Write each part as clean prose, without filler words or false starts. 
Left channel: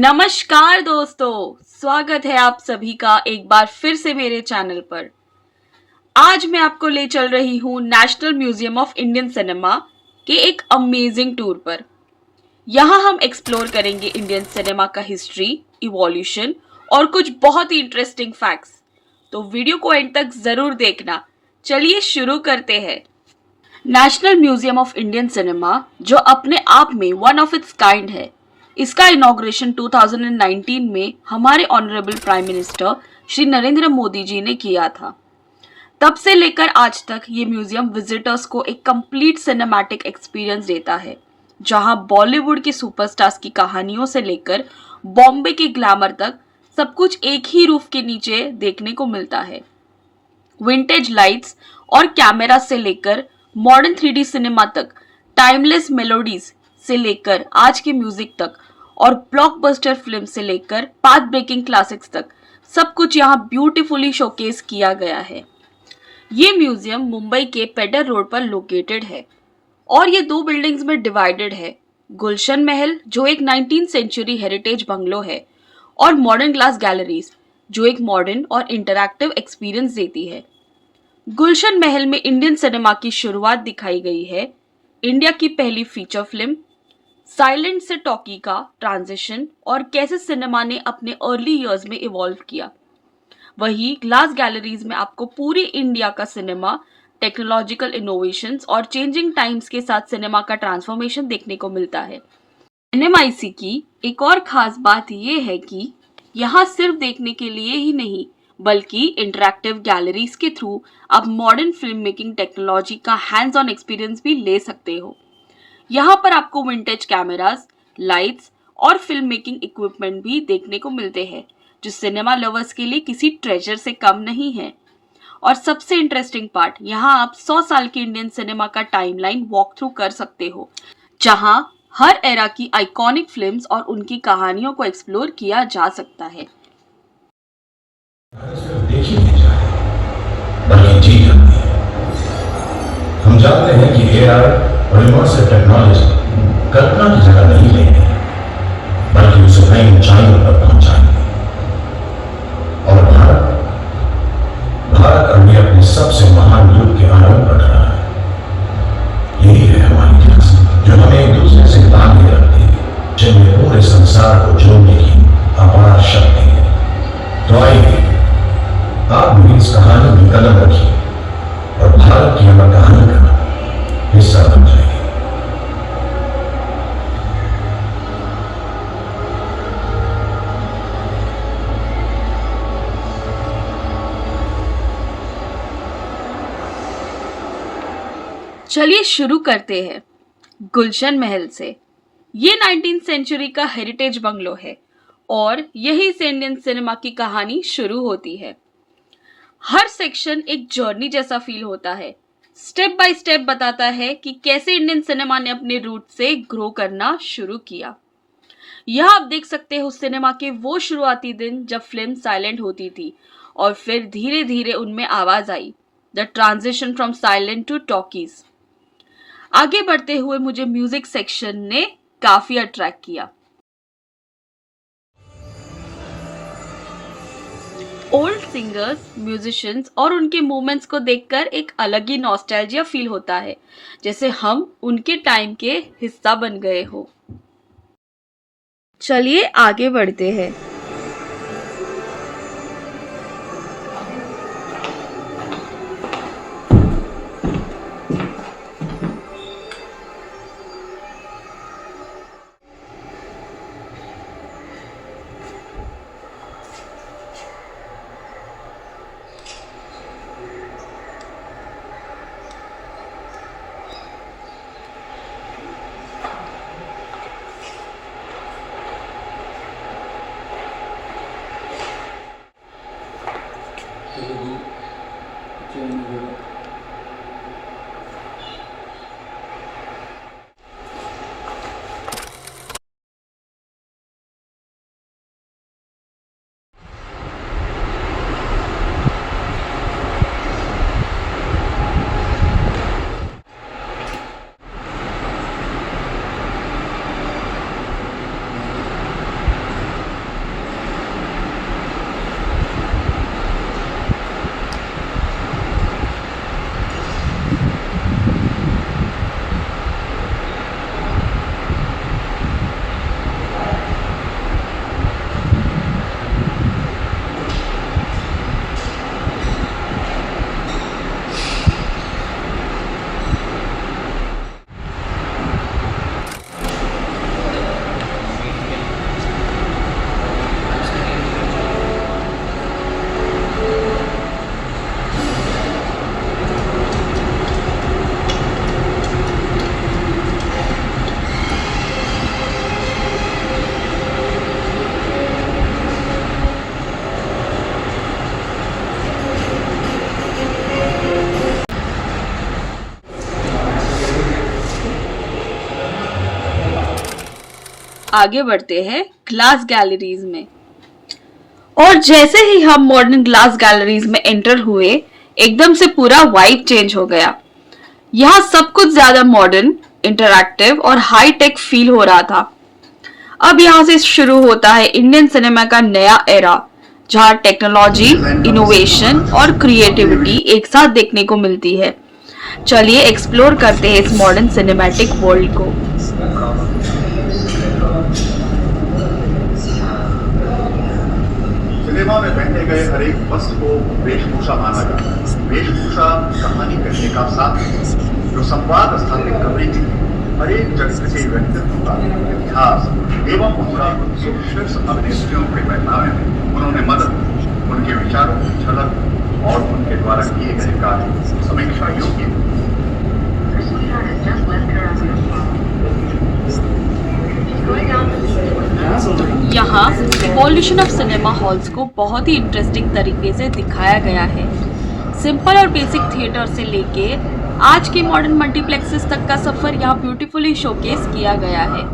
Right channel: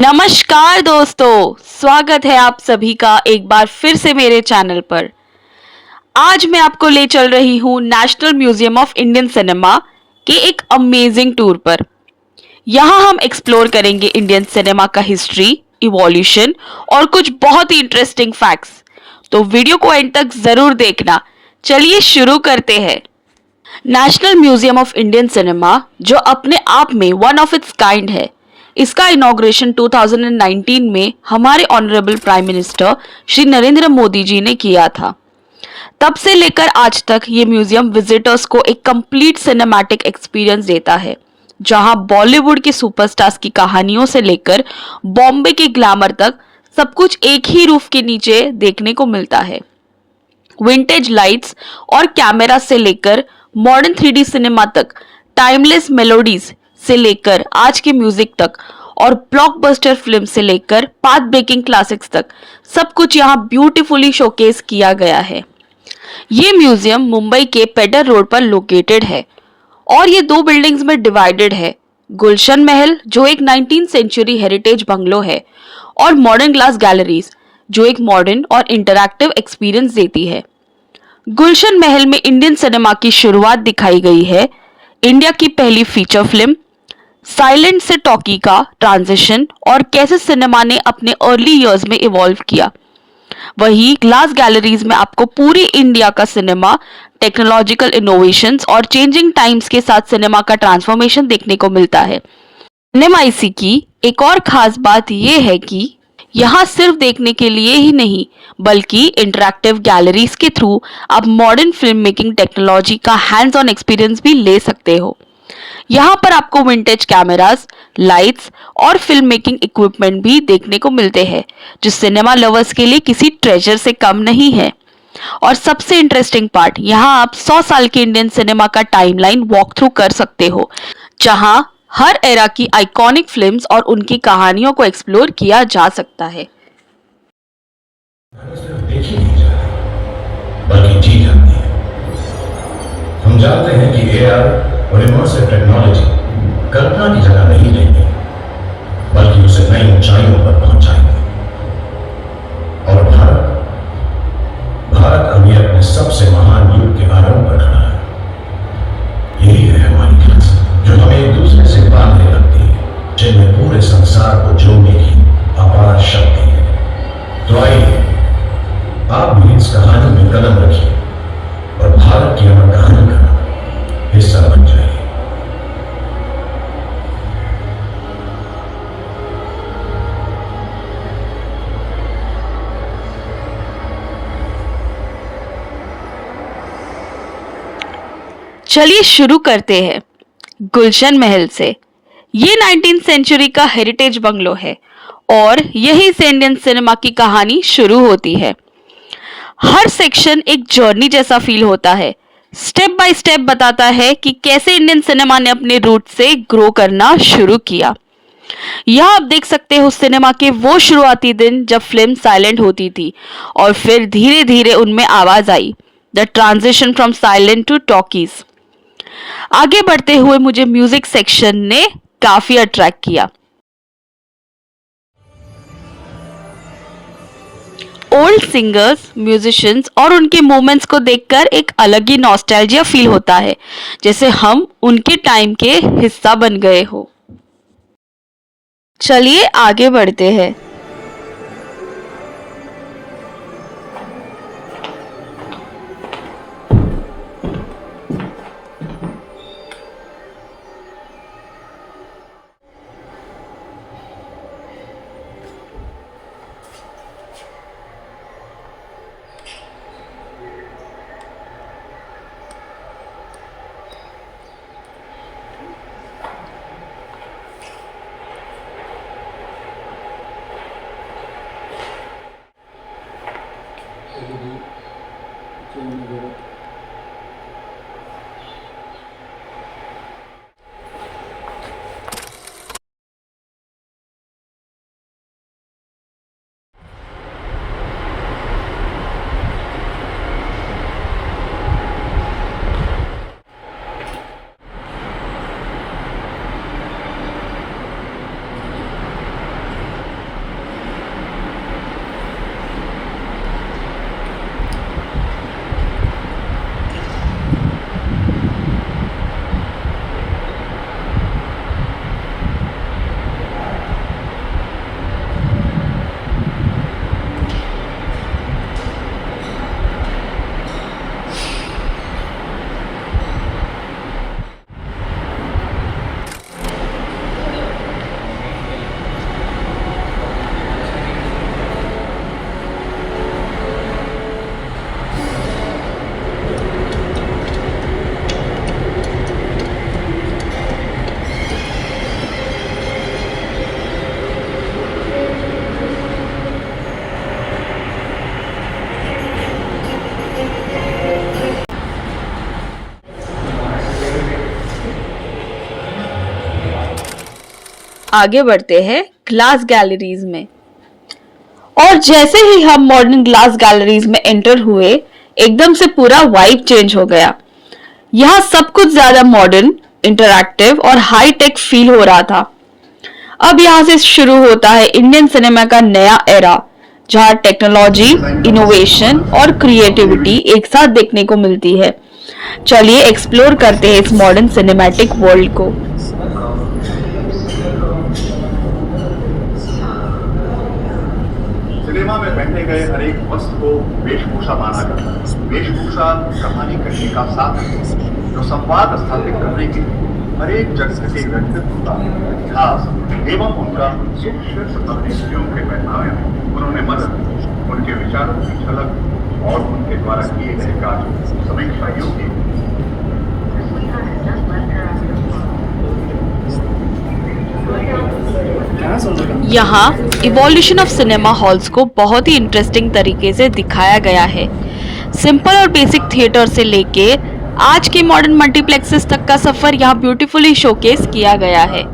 नमस्कार दोस्तों, स्वागत है आप सभी का एक बार फिर से मेरे चैनल पर। आज मैं आपको ले चल रही हूँ national museum of Indian cinema के एक अमेजिंग टूर पर। यहाँ हम एक्सप्लोर करेंगे इंडियन सिनेमा का हिस्ट्री, इवोल्यूशन और कुछ बहुत ही इंटरेस्टिंग फैक्ट्स। तो वीडियो को एंड तक जरूर देखना। चलिए शुरू करते हैं। National museum of Indian cinema, जो अपने आप में वन ऑफ इट्स काइंड है, इसका इनॉग्रेशन 2019 में हमारे honourable prime minister Shri Narendra Modi ji ने किया था। तब से लेकर आज तक ये म्यूजियम विजिटर्स को एक कंप्लीट सिनेमैटिक एक्सपीरियंस देता है, जहां बॉलीवुड के सुपरस्टार्स की कहानियों से लेकर बॉम्बे के ग्लैमर तक सब कुछ एक ही रूफ के नीचे देखने को मिलता है। विंटेज लाइट्स और कैमरा से लेकर मॉडर्न 3D सिनेमा तक, टाइमलेस मेलोडीज से लेकर आज के म्यूजिक तक और ब्लॉकबस्टर फिल्म से लेकर पाथ ब्रेकिंग क्लासिक्स तक, सब कुछ यहाँ ब्यूटीफुली शोकेस किया गया है। ये म्यूजियम मुंबई के पेडर रोड पर लोकेटेड है और ये दो बिल्डिंग्स में डिवाइडेड है। गुलशन महल, जो एक 19th सेंचुरी हेरिटेज बंगलो है, और मॉडर्न ग्लास गैलरीज, जो एक मॉडर्न और इंटरैक्टिव एक्सपीरियंस देती है। गुलशन महल में इंडियन सिनेमा की शुरुआत दिखाई गई है। इंडिया की पहली फीचर फिल्म, साइलेंट से टॉकी का ट्रांजिशन और कैसे सिनेमा ने अपने अर्ली इयर्स में इवॉल्व किया। वहीं ग्लास गैलरीज में आपको पूरी इंडिया का सिनेमा, टेक्नोलॉजिकल इनोवेशंस और चेंजिंग टाइम्स के साथ सिनेमा का ट्रांसफॉर्मेशन देखने को मिलता है। एनएमआईसी की एक और खास बात यह है कि यहाँ सिर्फ देखने के लिए ही नहीं, बल्कि इंटरैक्टिव गैलरीज के थ्रू आप मॉडर्न फिल्म मेकिंग टेक्नोलॉजी का हैंड्स ऑन एक्सपीरियंस भी ले सकते हो। यहाँ पर आपको विंटेज कैमरास, लाइट्स और फिल्म मेकिंग इक्विपमेंट भी देखने को मिलते हैं, जो सिनेमा लवर्स के लिए किसी ट्रेजर से कम नहीं है। और सबसे इंटरेस्टिंग पार्ट, यहाँ आप 100 साल के इंडियन सिनेमा का टाइमलाइन वॉक थ्रू कर सकते हो, जहाँ हर एरा की आइकॉनिक फिल्म्स और उनकी कहानियों को एक्सप्लोर किया जा सकता है। देखी नहीं जा रही, बल्कि जी जाती है। हम जानते हैं कि एआर और इमर्सिव टेक्नोलॉजी कल्पना की जगह नहीं लेंगे, बल्कि उसे नई ऊंचाइयों पर पहुंचाएंगे। और भारत अभी अपने सबसे महान युग के आरंभ पर खड़ा है। यही है हमारी विरासत, जो हमें एक दूसरे से बांधे रखती है, जिनमें पूरे संसार को जोड़ने की अपार शक्ति है। तो आइए आप भी इस कहानी में कदम रखिए और भारत की अमर कहानी का हिस्सा बन जाइए। चलिए शुरू करते हैं गुलशन महल से। ये 19th सेंचुरी का हेरिटेज बंगलो है और यहीं से इंडियन सिनेमा की कहानी शुरू होती है। हर सेक्शन एक जर्नी जैसा फील होता है, स्टेप बाय स्टेप बताता है कि कैसे इंडियन सिनेमा ने अपने रूट से ग्रो करना शुरू किया। यहाँ आप देख सकते हो सिनेमा के वो शुरुआती दिन जब फिल्म साइलेंट होती थी और फिर धीरे धीरे उनमें आवाज आई, the transition from silent to talkies. आगे बढ़ते हुए मुझे म्यूजिक सेक्शन ने काफी अट्रैक्ट किया। ओल्ड सिंगर्स, म्यूजिशियंस और उनके मोमेंट्स को देखकर एक अलग ही नॉस्टैल्जिया फील होता है, जैसे हम उनके टाइम के हिस्सा बन गए हो। चलिए आगे बढ़ते हैं। आगे बढ़ते हैं ग्लास गैलरीज में। और जैसे ही हम मॉडर्न ग्लास गैलरीज में एंटर हुए, एकदम से पूरा वाइब चेंज हो गया। यहाँ सब कुछ ज्यादा मॉडर्न, इंटरैक्टिव और हाई टेक फील हो रहा था। अब यहाँ से शुरू होता है इंडियन सिनेमा का नया एरा, जहाँ टेक्नोलॉजी, इनोवेशन और क्रिएटिविटी एक साथ देखने को मिलती है। चलिए एक्सप्लोर करते हैं इस मॉडर्न सिनेमैटिक वर्ल्ड को। सिनेमा में पहने गए हर एक वस्त्र को वेशभूषा माना जाता है। वेशभूषा कहानी कहने का साधन जो संवाद स्थापित करने के लिए हर एक जगह के व्यक्तित्व का इतिहास एवं उनका सुशीर्ष अभिनेत्रियों के पहनावे में उन्होंने मदद, उनके विचारों की झलक और उनके द्वारा किए गए कार्य समीक्षा योग्य। यहाँ इवोल्यूशन ऑफ सिनेमा हॉल्स को बहुत ही इंटरेस्टिंग तरीके से दिखाया गया है। सिंपल और बेसिक थिएटर से लेके आज के मॉडर्न मल्टीप्लेक्सेस तक का सफर यहाँ ब्यूटीफुली शोकेस किया गया है।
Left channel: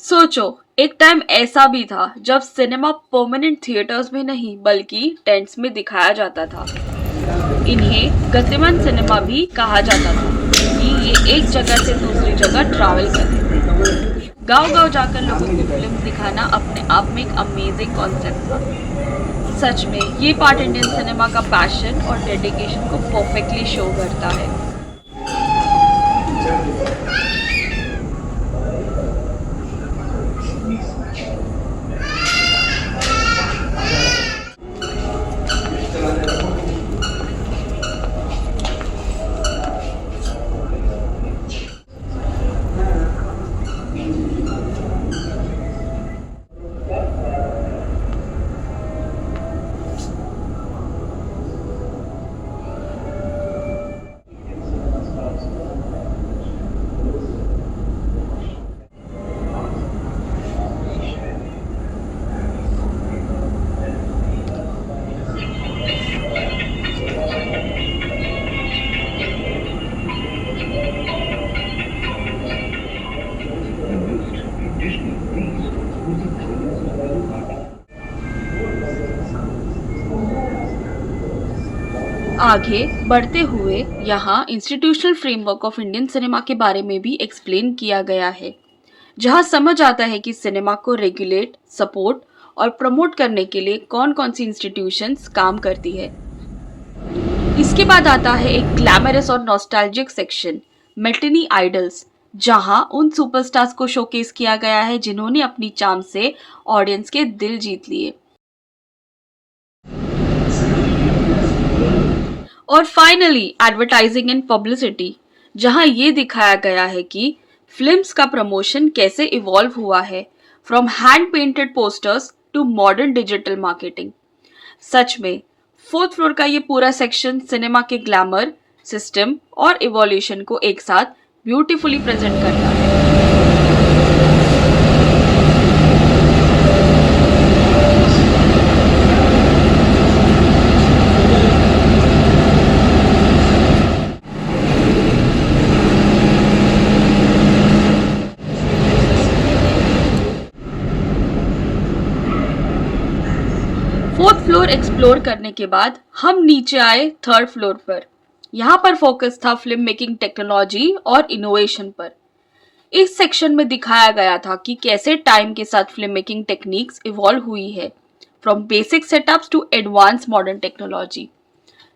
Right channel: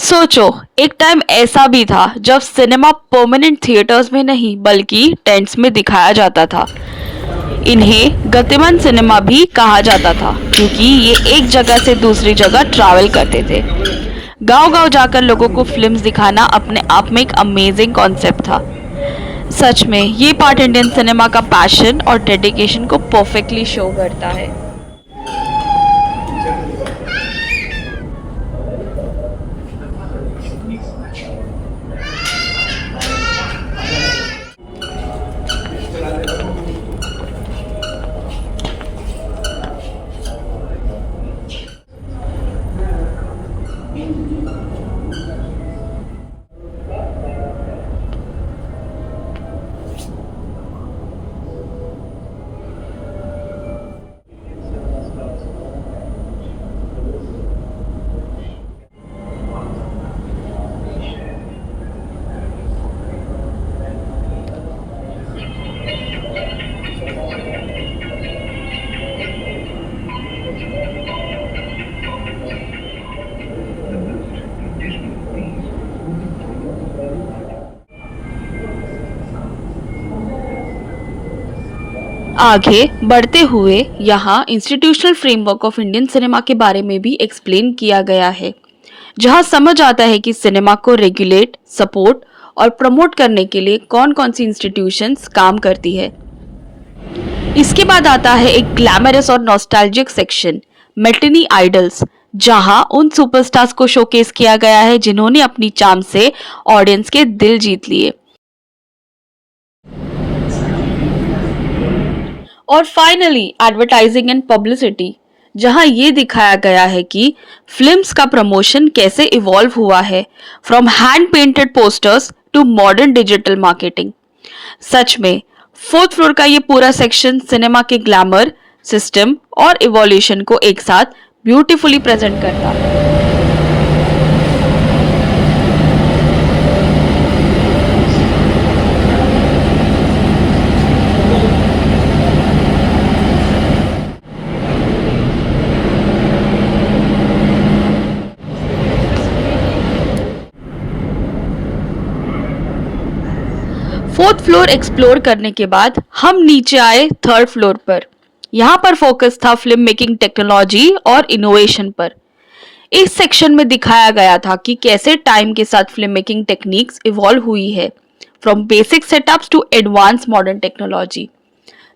सोचो, एक टाइम ऐसा भी था जब सिनेमा परमानेंट थिएटर्स में नहीं बल्कि टेंट्स में दिखाया जाता था। इन्हें गतिमान सिनेमा भी कहा जाता था क्योंकि ये एक जगह से दूसरी जगह ट्रैवल करते थे। गांव-गांव जाकर लोगों को फिल्म्स दिखाना अपने आप में एक अमेजिंग कॉन्सेप्ट था। सच में ये पार्ट इंडियन सिनेमा का पैशन और डेडिकेशन को परफेक्टली शो करता है। आगे बढ़ते हुए यहाँ institutional framework of Indian cinema के बारे में भी एक्सप्लेन किया गया है, जहाँ समझ आता है कि सिनेमा को रेगुलेट, सपोर्ट और प्रमोट करने के लिए कौन कौन सी इंस्टीट्यूशंस काम करती है। इसके बाद आता है एक ग्लैमरस और नॉस्टैल्जिक सेक्शन, मैटिनी आइडल्स, जहां उन सुपरस्टार्स को शोकेस किया गया है जिन्होंने अपनी चार्म से ऑडियंस के दिल जीत लिए। और फाइनली एडवर्टाइजिंग एंड पब्लिसिटी, जहां ये दिखाया गया है कि फिल्म्स का प्रमोशन कैसे इवॉल्व हुआ है, from hand painted posters to modern digital marketing. सच में फोर्थ फ्लोर का ये पूरा सेक्शन सिनेमा के ग्लैमर, सिस्टम और इवोल्यूशन को एक साथ ब्यूटीफुली प्रेजेंट करता है। फोर्थ फ्लोर एक्सप्लोर करने के बाद हम नीचे आए थर्ड फ्लोर पर। यहाँ पर फोकस था फिल्म मेकिंग टेक्नोलॉजी और इनोवेशन पर। इस सेक्शन में दिखाया गया था कि कैसे टाइम के साथ फिल्म मेकिंग टेक्निक्स इवॉल्व हुई है, from basic setups to advance modern technology.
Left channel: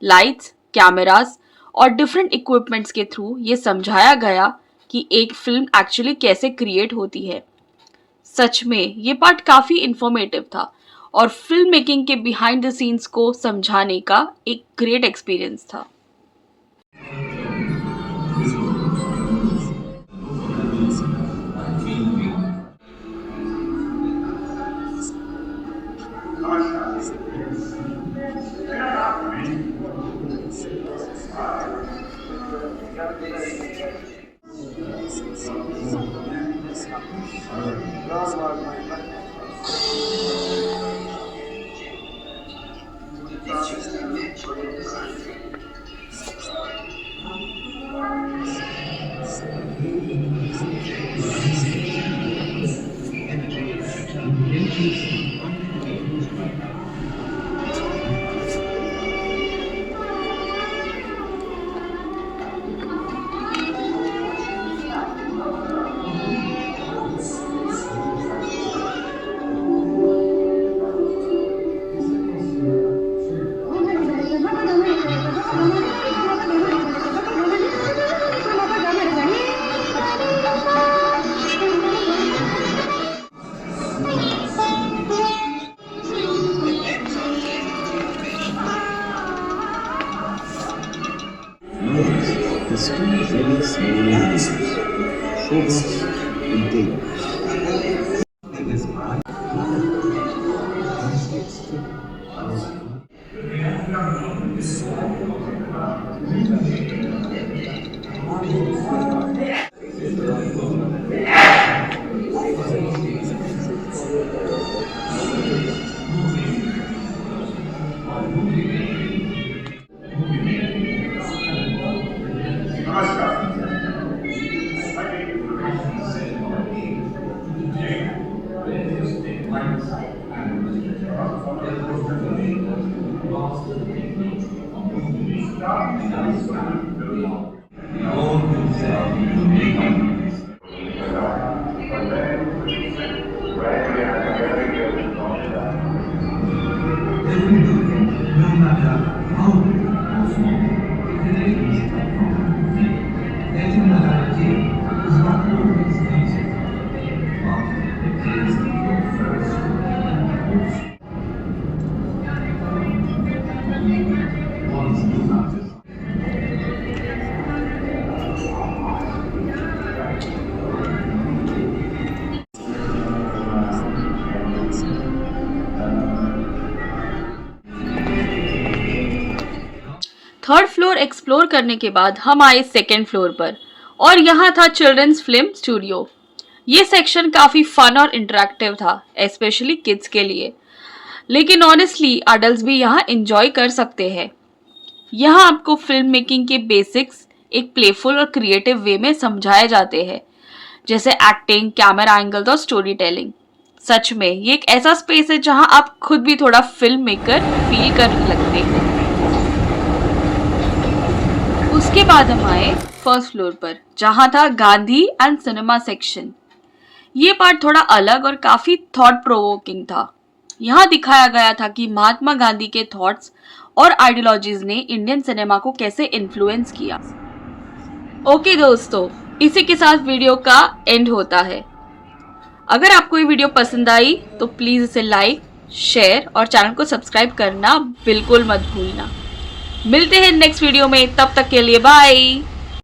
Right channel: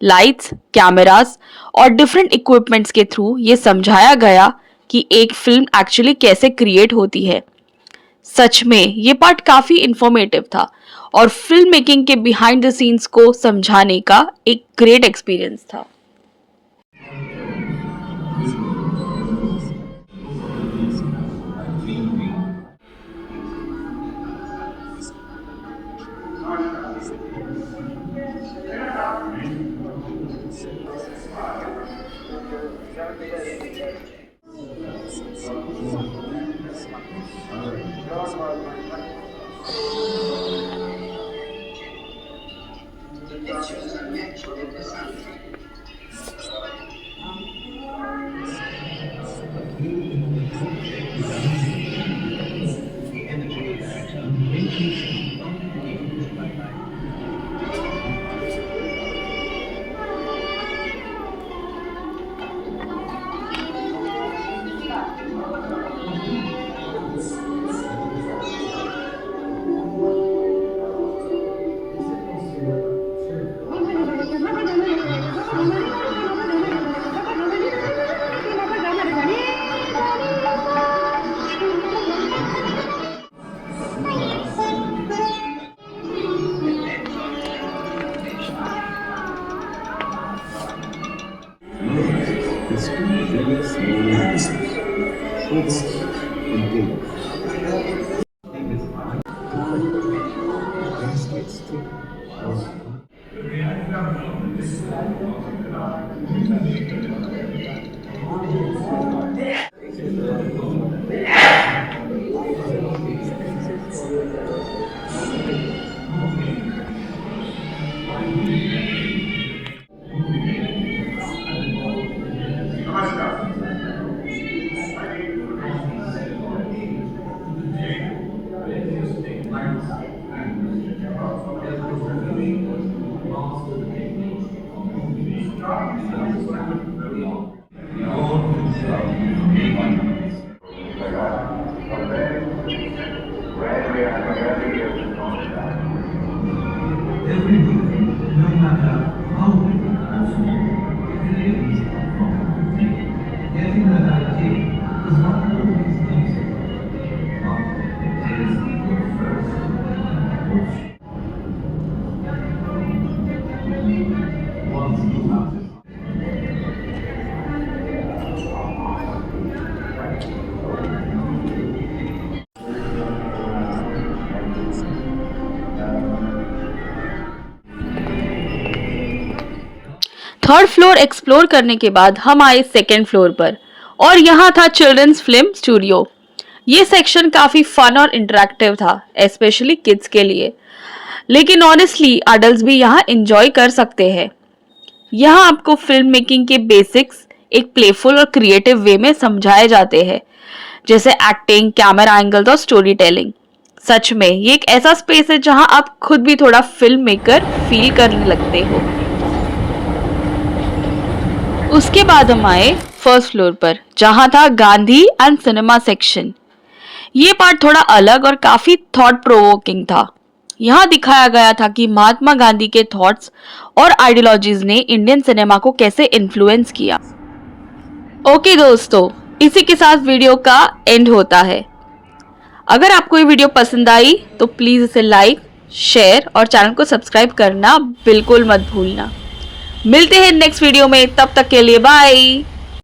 Lights, cameras और डिफरेंट इक्विपमेंट्स के थ्रू ये समझाया गया कि एक फिल्म एक्चुअली कैसे क्रिएट होती है। सच में ये पार्ट काफी इंफॉर्मेटिव था और फिल्म मेकिंग के बिहाइंड द सीन्स को समझाने का एक ग्रेट एक्सपीरियंस था। The screen really slowly moves. Showbox continues. Third floor explore करने के बाद हम आए सेकेंड फ्लोर पर और यहाँ था चिल्ड्रंस फिल्म स्टूडियो। ये सेक्शन काफी फन और इंटरेक्टिव था, स्पेशली किड्स के लिए, लेकिन ऑनेस्टली अडल्ट्स भी यहाँ एंजॉय कर सकते हैं। यहाँ आपको फिल्म मेकिंग के बेसिक्स एक प्लेफुल और क्रिएटिव वे में समझाए जाते हैं, जैसे एक्टिंग, कैमरा एंगल्स और स्टोरी टेलिंग। सच में ये एक ऐसा स्पेस है जहाँ आप खुद भी थोड़ा फिल्म मेकर फील कर लगते हो। उसके बाद हम आए फर्स्ट फ्लोर पर, जहां था गांधी एंड सिनेमा सेक्शन। ये पार्ट थोड़ा अलग और काफी थॉट प्रोवोकिंग था। यहाँ दिखाया गया था कि महात्मा गांधी के थॉट्स और आइडियोलॉजीज ने इंडियन सिनेमा को कैसे इन्फ्लुएंस किया। ओके दोस्तों, इसी के साथ वीडियो का एंड होता है। अगर आपको ये वीडियो पसंद आई तो प्लीज इसे लाइक, शेयर और चैनल को सब्सक्राइब करना बिल्कुल मत भूलना। मिलते हैं नेक्स्ट वीडियो में, तब तक के लिए बाय।